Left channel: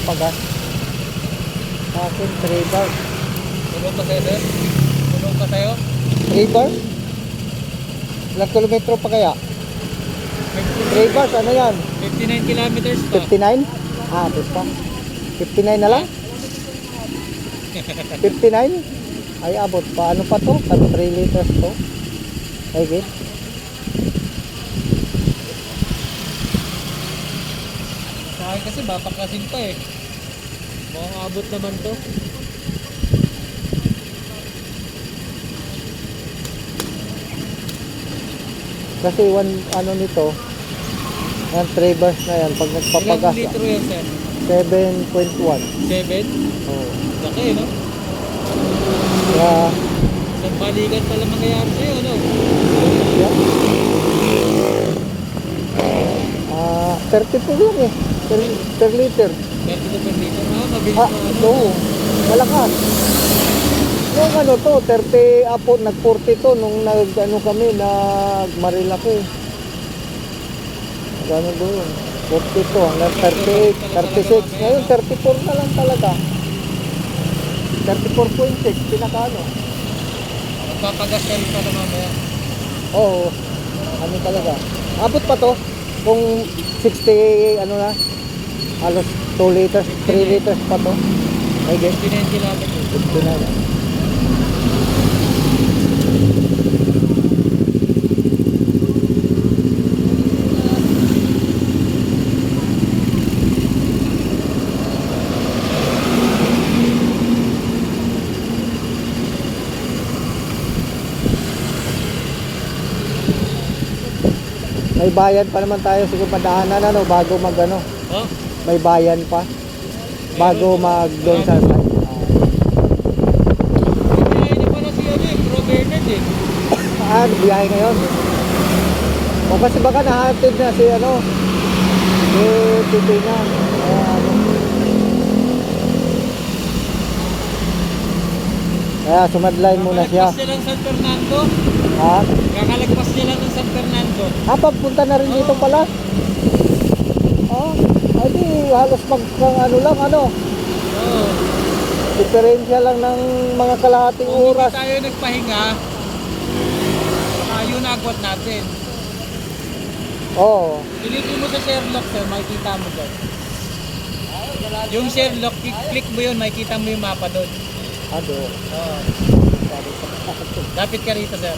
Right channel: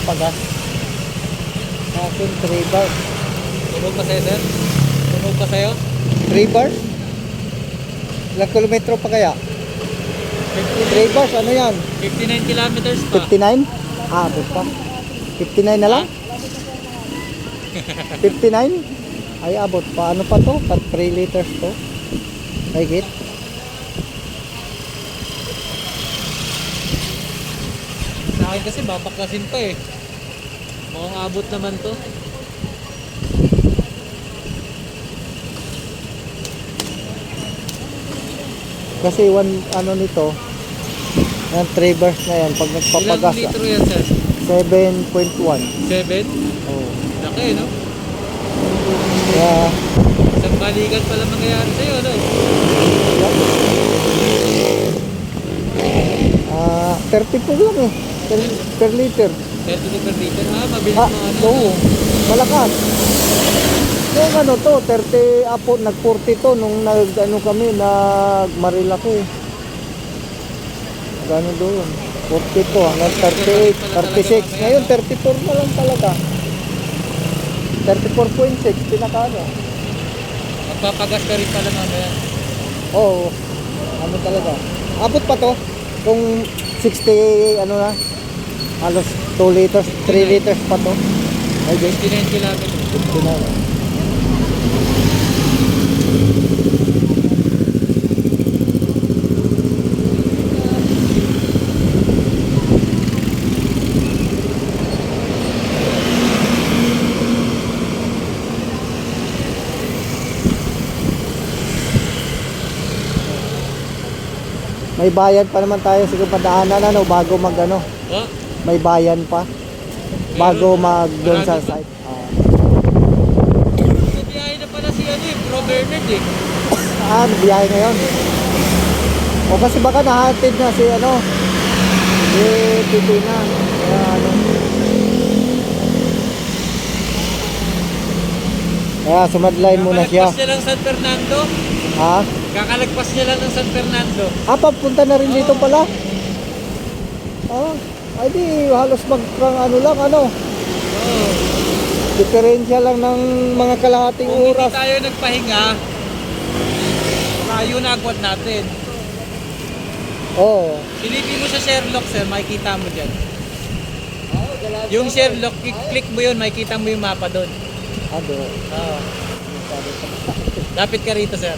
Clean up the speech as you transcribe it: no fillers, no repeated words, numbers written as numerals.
nakapagas. Sa akin, 3 bars. Tunog pa sa'yo, sir? Tunog pa sa'yo? 3 bars? Ilang kilometro pa kaya? 3 bars, ano yan? 59 kilometers pa. 59? Ah, abot pa. 59 na lang? 59? Ay, abot pa. Ano pa to? 3 liters to? Ay, git. Sa akin kasi babaklasin pa eh. Mukhang abot naman to. Kasi ano nito, yan 3 bars na yan. Pag Ilang nagpapagas, litro yan, sir? 7.1. 7? Oh. Laki, no? Kaya, Isang balikan pala mangyayari sa'yo, no? 32 yun eh. Per liter. 30 per liter. Ah, mabilis Ah, mo ano. oo. Malakas. Yung ano to, 30 apo, nag-40 to nung ano kami, nag-Marilaki. Gano'n doon. 40 to, hanggang 38, 36. Ngayon, 34 na lang talaga. 34.6, pinakano. Magpapagas ka rin pala mamaya. Oo, ano talaga. Abot pa to, kung 60, ano na, halos 2 liters, 3 liters pa to. Ay, 59 kilometers. 59. May bayan pa naman tayo siguro padaanan ano bago mag ano, Oh, may bayan pa bago mag doon sa site. bibiyahe na pala si ano yung Bro Bernard eh. Biyahe ngayon. O kasi baka nahatid na si ano, si Titina. Kaya sumadline muna siya. Kakalagpas niya lang San Fernando. Ha? Kakalagpas niya lang ng San Fernando. Papunta na rin dito pala. Ay di halos ano lang ano. Oo. Diferensya lang ng mga kalahating Kung hindi oras. tayo nagpahinga, tayo nagwat natin. Oo. Pilitin mo sa Sherlock, sir, makikita mo dyan. Yung Sherlock, click mo yun, makikita mo yung mapa doon. Ado. Oo. Lapit ka rito, sir.